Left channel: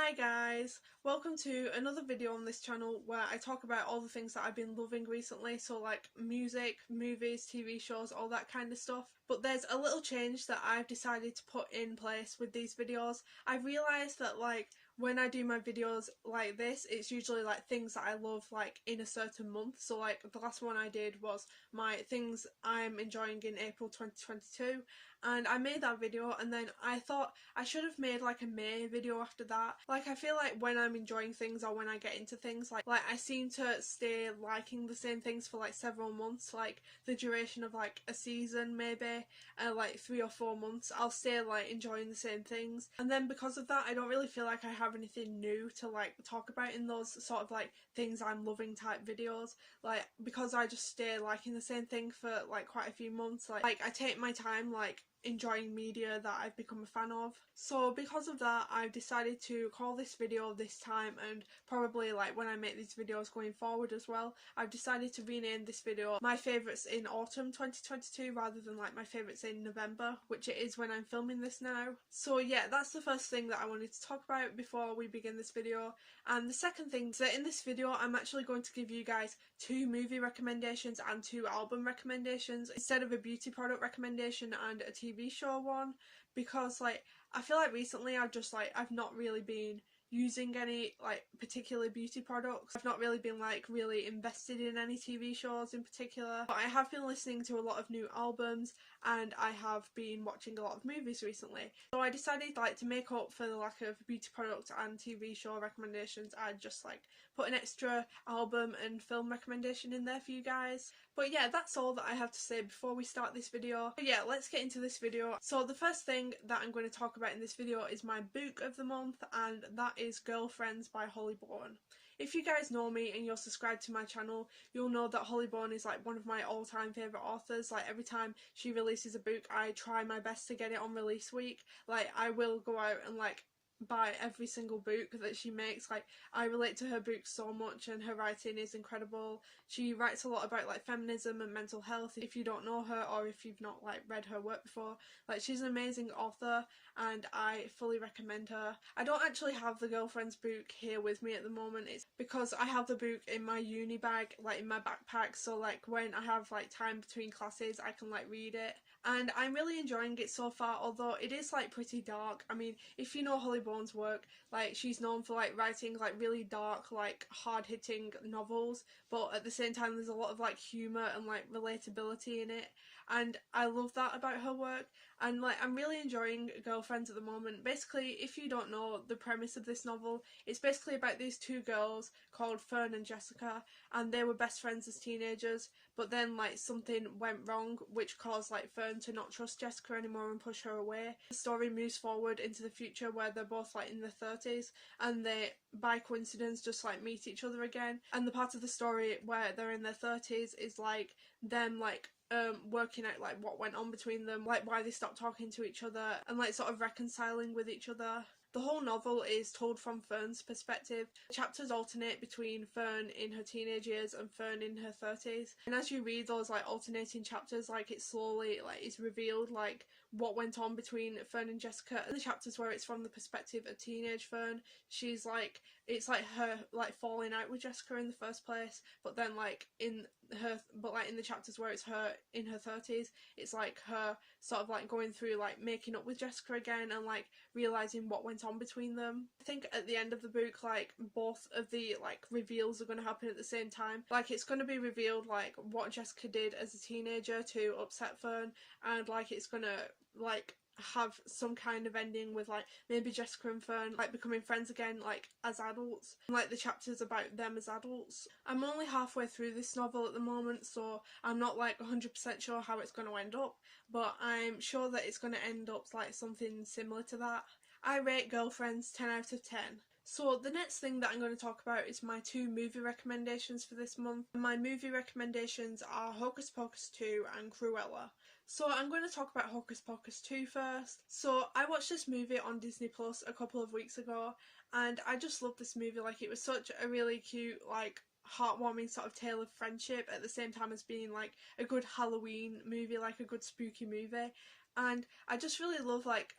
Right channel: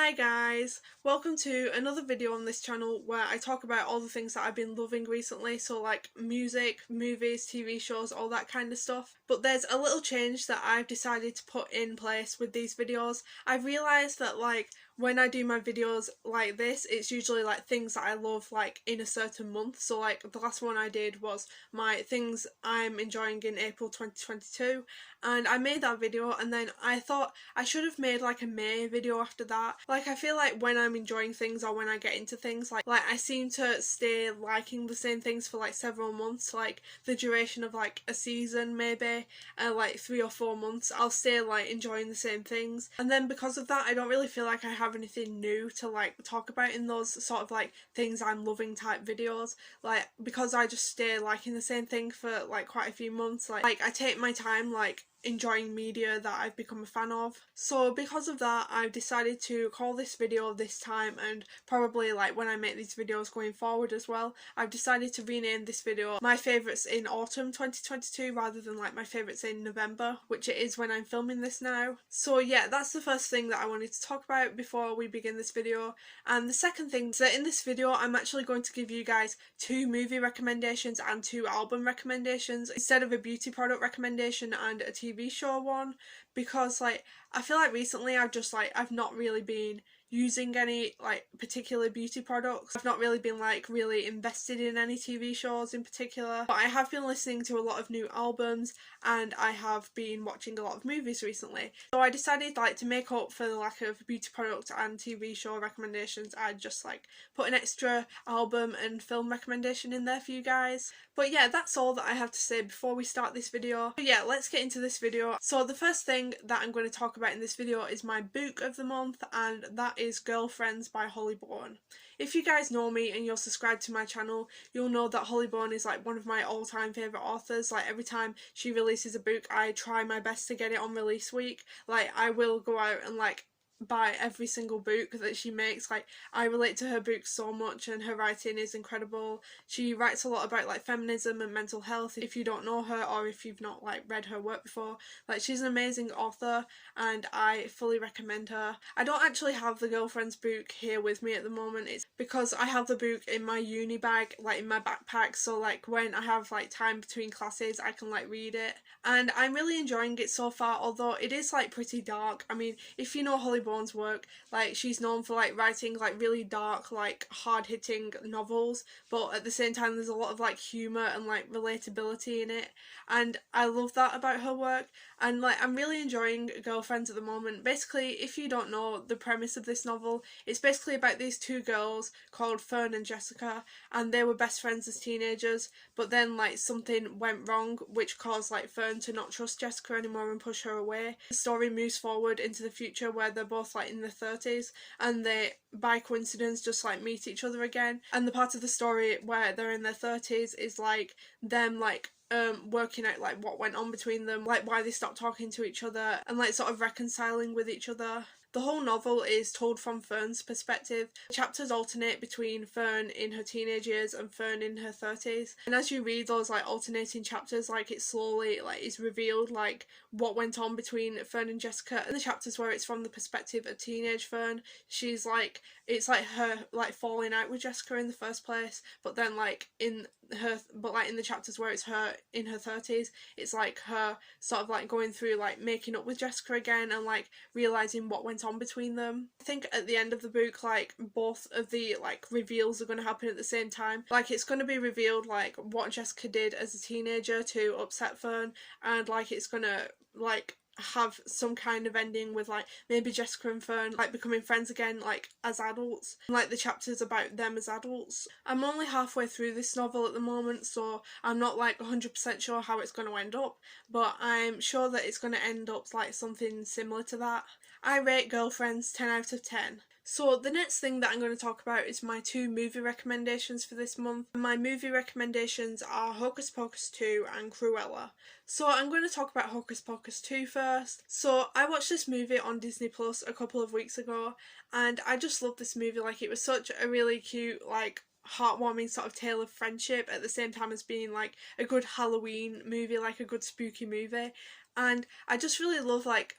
Hi guys, welcome to another video on this channel where I talk about all the things that I've been loving recently, so like music, movies, TV shows, all that kind of stuff. But there's a little change that I've decided to put in place with these videos. I've realised that when I do my videos like this, it's usually like things that I love like in a certain month. So like the last one I did was my things I'm enjoying in April 2022, and I made that video, and then I thought I should have made like a May video after that. Like I feel like when I'm enjoying things or when I get into things, like I seem to stay liking the same things for like several months, like the duration of like a season maybe, like 3 or 4 months I'll stay like enjoying the same things, and then because of that I don't really feel like I have anything new to like talk about in those sort of like things I'm loving type videos, like because I just stay liking the same thing for like quite a few months. Like I take my time like enjoying media that I've become a fan of. So because of that, I've decided to call this video this time, and probably like when I make these videos going forward as well, I've decided to rename this video My Favourites in Autumn 2022 rather than like My Favourites in November, which it is when I'm filming this now. So yeah, that's the first thing that I wanted to talk about before we begin this video. And the second thing is that in this video I'm actually going to give you guys 2 movie recommendations and 2 album recommendations instead of a beauty product recommendation and a TV show one, because like I feel like recently I've not really been using any like particular beauty products. I've not really been like really invested in any TV shows in particular, but I have been listening to a lot of new albums and I have been watching a lot of movies recently. So I decided like to make up for the lack of beauty product and TV show recommendations, I'd just like put an extra album and film recommendation in there for you guys. But yeah, that's all that I have to say before we start this video. But yeah, let's get into this video. So the first thing that I'm going to talk about in this video is my book of the month, and that is Girlfriends by Bourne. If you guys know me and you're subscribed to my channel, you'll know that Bourne is like one of my all-time favourite authors. Like every time she releases a book, I try my best to get it on release week. Like I will go out and like buy every single book that she makes. Like I relate to her books so much and her writing is incredible. She writes a lot about like feminism and mental health. If you don't know her or if you've not like read her work before, like she's an amazing author and I fully recommend her. I don't actually have the Girlfriends book here with me at the moment. It's because I have the book in my uni bag, like in my backpack, so like when I have like time between classes I can like read it, and I'm really enjoying it so far, although it is like pretty dark. I mean, if you know Bourne's work, like she's known for like writing like really dark, like hard-hitting novels, but at the same time there's a lot of like humour and like relatability in it, and I love that about her work. And like I'm really enjoying Girlfriends at the moment. Basically, if you don't know the premise of this novel, it's basically about these 2 girls called Fern and Jessica, and they were best friends as teenagers, but then like something went wrong which caused like Fern to not trust Jessica anymore and push her away. The story moves forward into the future where they're both like in their 30s and they by coincidence just like meet each other again, and the part of the story where they're in their 30s is like them like working out like what went on between them, like why they stopped talking to each other and like sort of reconciling with each other. The whole novel is told from Fern's perspective. The chapters alternate between Fern in her teenage years and Fern in her 30s, and as you read those like alternating chapters, like it slowly like is revealed like what went on between Fern and Jessica. In the chapters where it's from the perspective of teenage Fern, she's like, it's like her like falling out with Jessica in the first place, but then like in the chapters where it's her in her 30s, it's like her sort of like going through like making up with Jessica again and like realising what went on between them. I think at the end of the book like both of the like reveals are going to happen at the same time. Like it's going to be revealed like what Jessica did as a teenager to upset Fern, and like it's going to like have some kind of ending with like maybe Jessica and Fern like becoming friends again like as adults, and like the chapters about them as adults. I'm only halfway through this novel at the moment, so I'm not like 100% sure how it's going to end up, but I'm sure that it's going to end up like something similar to that. I rate Girlfriends 10 out of 10. So the next thing that I'm going to talk about is my 2 movie recommendations for this month. My movie recommendations are Hocus Pocus 2 and Cruella. So I'm going to talk about Hocus Pocus 2 first. So I watched this movie on Disney Plus a couple of weeks ago and I just loved this movie. Like it was such a really cute like heartwarming sort of tale of friendship at the same time as being like a good Halloween movie, like a good spooky movie. and I just really love like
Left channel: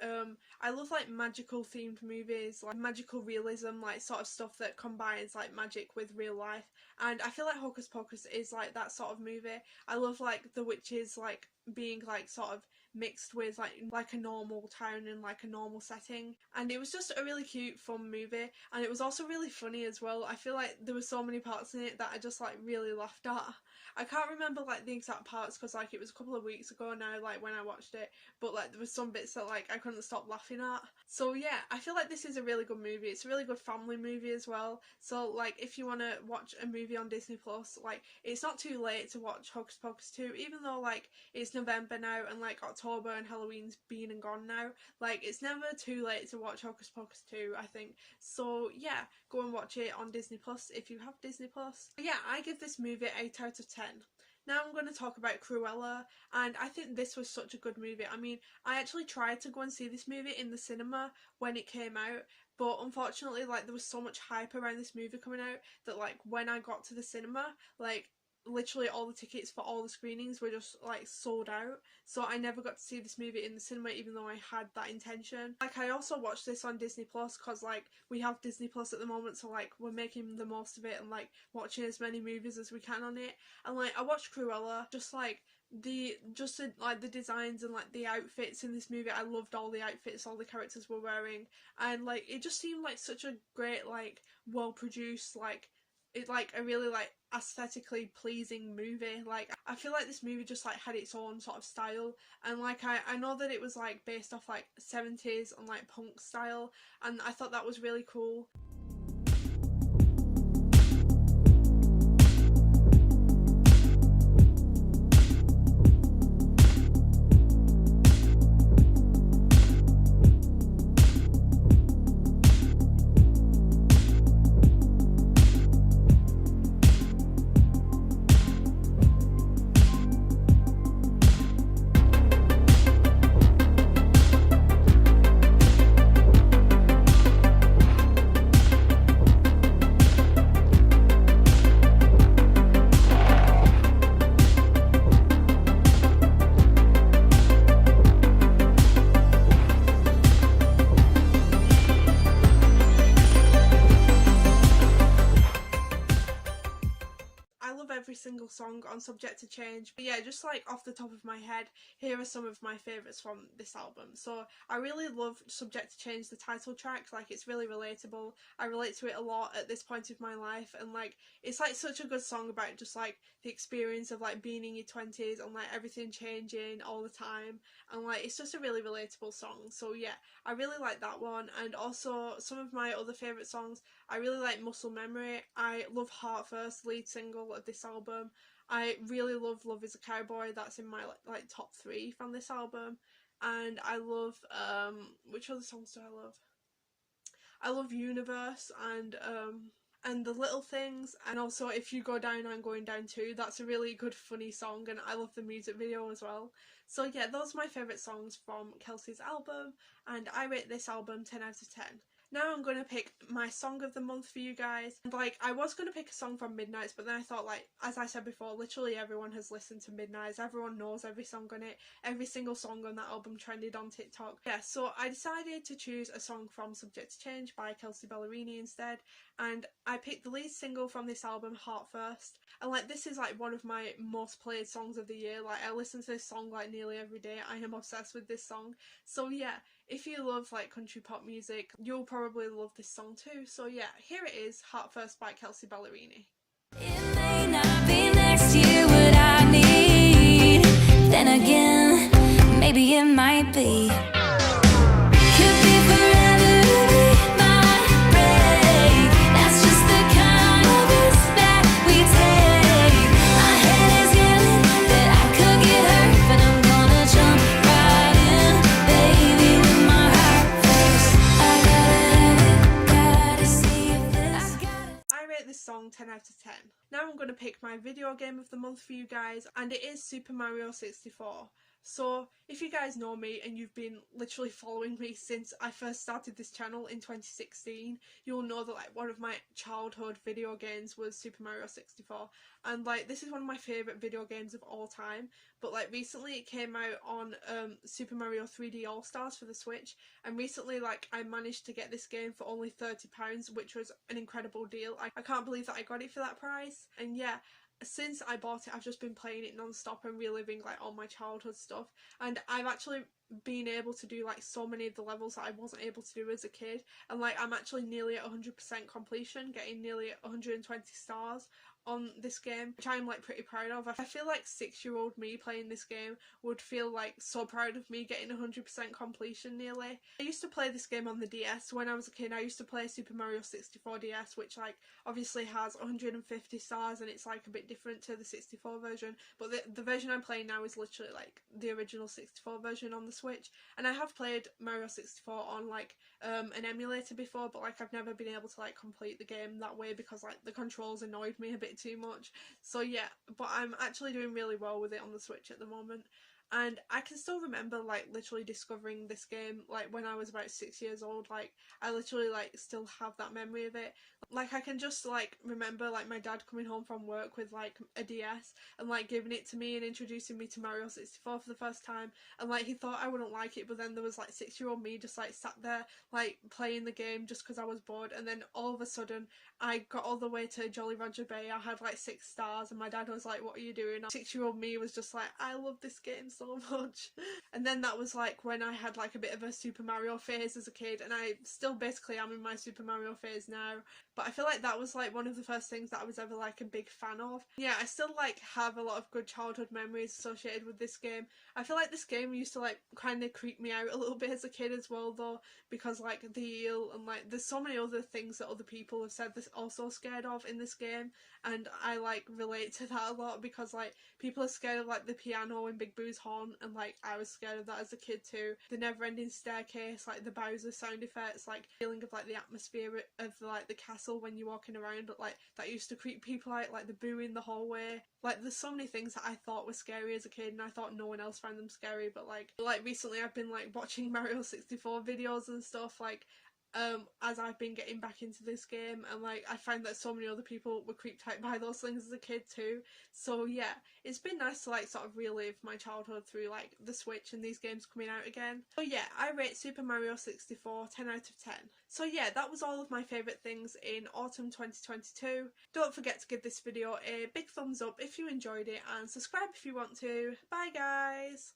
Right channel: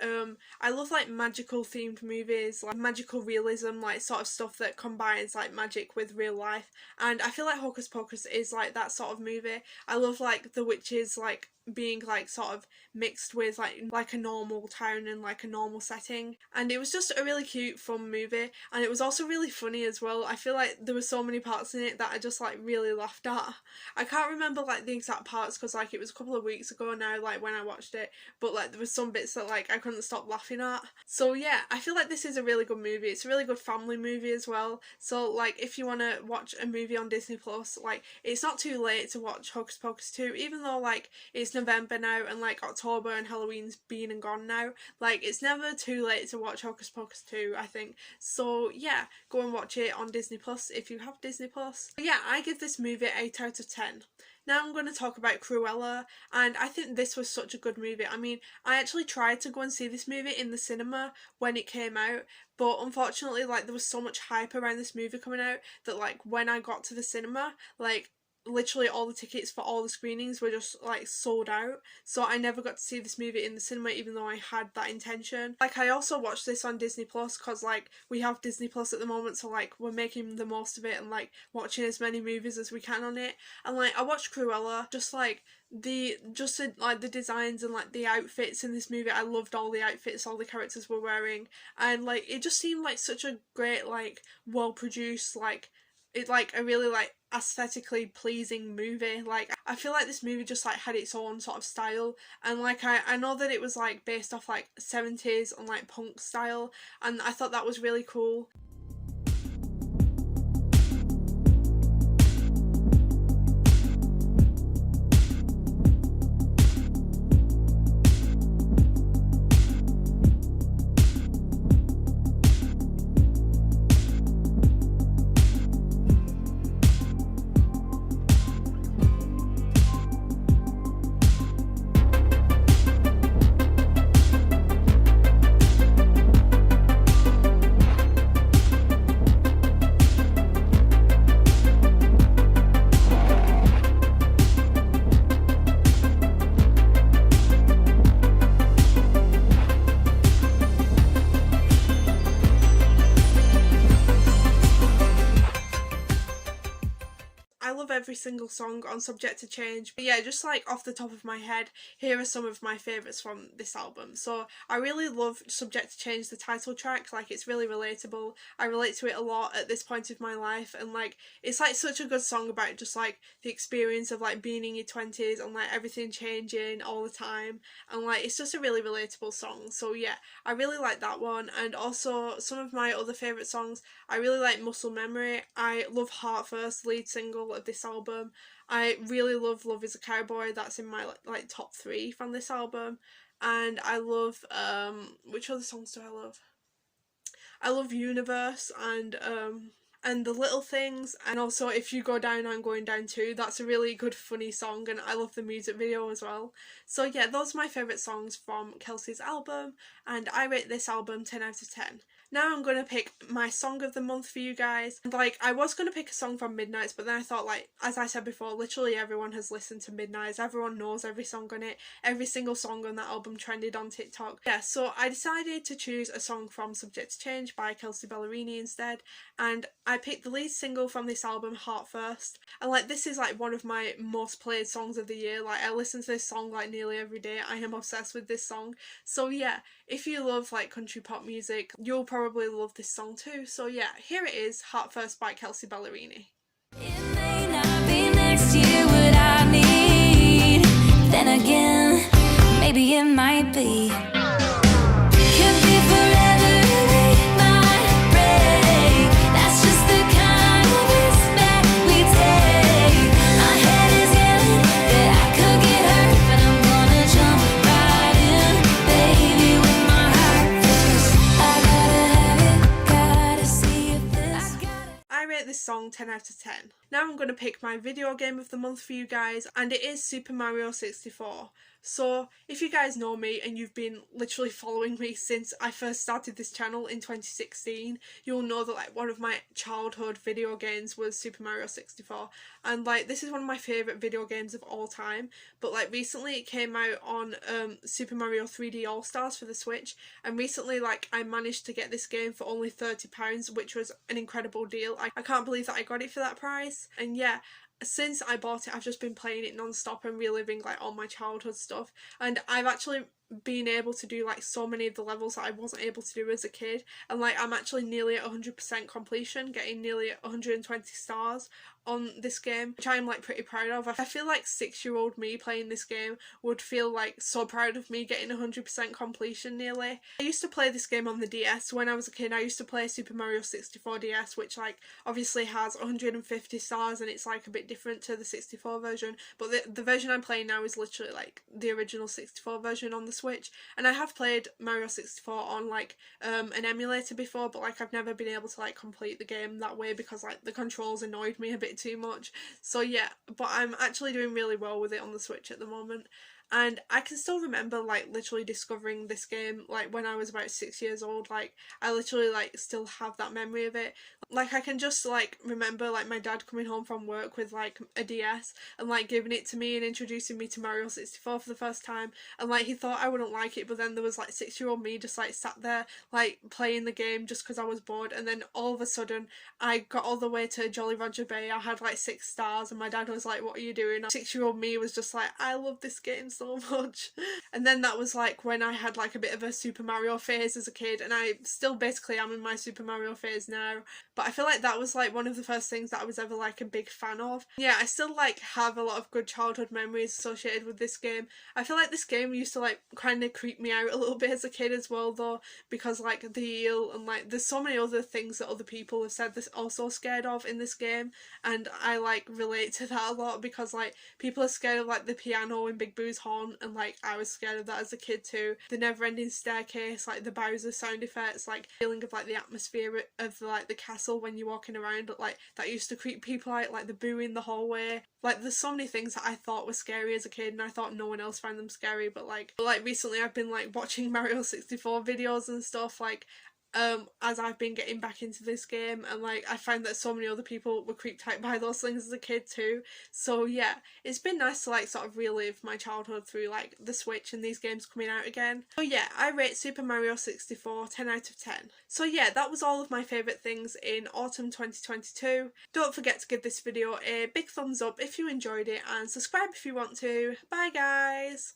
I love like magical themed movies, like magical realism, like sort of stuff that combines like magic with real life, and I feel like Hocus Pocus is like that sort of movie. I love like the witches like being like sort of mixed with like a normal town and like a normal setting, and it was just a really cute fun movie, and it was also really funny as well. I feel like there were so many parts in it that I just like really laughed at. I can't remember like the exact parts because like it was a couple of weeks ago now like when I watched it, but like there were some bits that like I couldn't stop laughing at. So yeah, I feel like this is a really good movie. It's a really good family movie as well, so like if you want to watch a movie on Disney Plus, like it's not too late to watch Hocus Pocus 2, even though like it's November now and like October and Halloween's been and gone now. Like it's never too late to watch Hocus Pocus 2, I think. So yeah, go and watch it on Disney Plus if you have Disney Plus. But yeah, I give this movie 8 out of 10. Now I'm going to talk about Cruella, and I think this was such a good movie. I mean, I actually tried to go and see this movie in the cinema when it came out, but unfortunately like there was so much hype around this movie coming out that like when I got to the cinema, like literally all the tickets for all the screenings were just like sold out, so I never got to see this movie in the cinema even though I had that intention. Like I also watched this on Disney Plus because like we have Disney Plus at the moment, so like we're making the most of it and like watching as many movies as we can on it. And like I watched Cruella, just like the designs and like the outfits in this movie, I loved all the outfits all the characters were wearing, and like it just seemed like such a great like well produced like it like a really like aesthetically pleasing movie. Like I feel like this movie just like had its own sort of style, and like I know that it was like based off like 70s and like punk style, and I thought that was really cool. Every single song on Subject to Change, but yeah, just like off the top of my head, here are some of my favourites from this album. So I really love Subject to Change, the title track. Like it's really relatable, I relate to it a lot at this point of my life, and like it's like such a good song about just like the experience of like being in your 20s and like everything changing all the time, and like it's just a really relatable song. So yeah, I really like that one. And also some of my other favourite songs, I really like Muscle Memory. I love Heartfirst, lead single of this album. I really love Love is a Cowboy, that's in my like top 3 from this album. And I love which other songs do I love? I love Universe and The Little Things, and also If You Go Down I'm Going Down Too. That's a really good funny song, and I love the music video as well. So yeah, those are my favourite songs from Kelsey's album, and I rate this album 10 out of 10. Now I'm going to pick my song of the month for you guys. And like I was going to pick a song from Midnights, but then I thought like, as I said before, literally everyone has listened to Midnights, everyone knows every song on it, every single song on that album trended on TikTok. Yeah, so I decided to choose a song from Subject to Change by Kelsea Ballerini instead, and I picked the lead single from this album, Heartfirst. And like this is like one of my most played songs of the year. Like I listen to this song like nearly every day. I am obsessed with this song. So yeah, if you love like country pop music, you'll probably love this song too. So yeah, here it is, Heartfirst by Kelsea Ballerini. It may not be next year what I need, then again, maybe it might be. Could be forever, it might break. That's just the kind of risk that we take. My head is yelling that I could get hurt, but I'm gonna jump right in, baby, with my heart first. I gotta have it, gotta see if this. I rate this song 10 out of 10. Now I'm going to pick my video game of the month for you guys, and it is Super Mario 64. So if you guys know me and you've been literally following me since I first started this channel in 2016, you'll know that like one of my childhood video games was Super Mario 64, and like this is one of my favourite video games of all time. But like recently it came out on Super Mario 3D All Stars for the Switch, and recently like I managed to get this game for only £30, which was an incredible deal. I can't believe that I got it for that price. And yeah, since I bought it, I've just been playing it non-stop and reliving like all my childhood stuff, and I've actually been able to do like so many of the levels that I wasn't able to do as a kid, and like I'm actually nearly at 100% completion, getting nearly 120 stars on this game, which I'm like pretty proud of. I feel like 6-year-old me playing this game would feel like so proud of me getting 100% completion nearly. I used to play this game on the DS when I was a kid. I used to play Super Mario 64 DS, which like obviously has 150 stars and it's like a bit different to the 64 version, but the version I'm playing now is literally like the original 64 version on the Switch. And I have played Mario 64 on like an emulator before, but like I've never been able to like complete the game that way because like the controls annoyed me a bit too much. So yeah, but I'm actually doing really well with it on the Switch at the moment. And I can still remember like literally discovering this game like when I was about 6 years old. Like I literally like still have that memory of it. Like I can just like remember like my dad coming home from work with like a DS and like giving it to me and introducing me to Mario 64 for the first time, and like he thought I wouldn't like it, but then there was like 6-year-old me just like sat there like playing the game just because I was bored, and then all of a sudden I got all the way to Jolly Roger Bay. I had like 6 stars and my dad was like, "What are you doing?" 6-year-old me was just like, "I love this game so much." And then that was like when I had like a bit of a Super Mario phase as a kid, and I still basically am in my Super Mario phase now, but I feel like that was like one of the first things that I was ever like a big fan of. Yeah, I still like have a lot of good childhood memories associated with this game. I feel like this game used to like kind of creep me out a little bit as a kid as well though, because like the eel and like there's so many other things that other people have said they're also scared of in this game, and I like relate to that a lot because like people are scared of like the piano in Big Boo's Horn, and like I was scared of that as a kid too. The never ending staircase, like the Bowser sound effects, like feeling of like the atmosphere of like the castle when you're walking around, like that used to creep people out, like the boo in the hallway. Like there's so many things that I thought were scary as a kid and I thought no one else found them scary, but like recently I've been like watching Mario 64 videos and stuff like as I've been getting back into this game, and like I find that so many other people were creeped out by those things as a kid too. So yeah, it's been nice to like sort of relive my childhood through like the Switch and these games coming out again. So yeah, I rate Super Mario 64 10 out of 10. So yeah, that was all of my favourite things in autumn 2022. Don't forget to give this video a big thumbs up if you enjoyed it, and subscribe if you want to. Bye guys!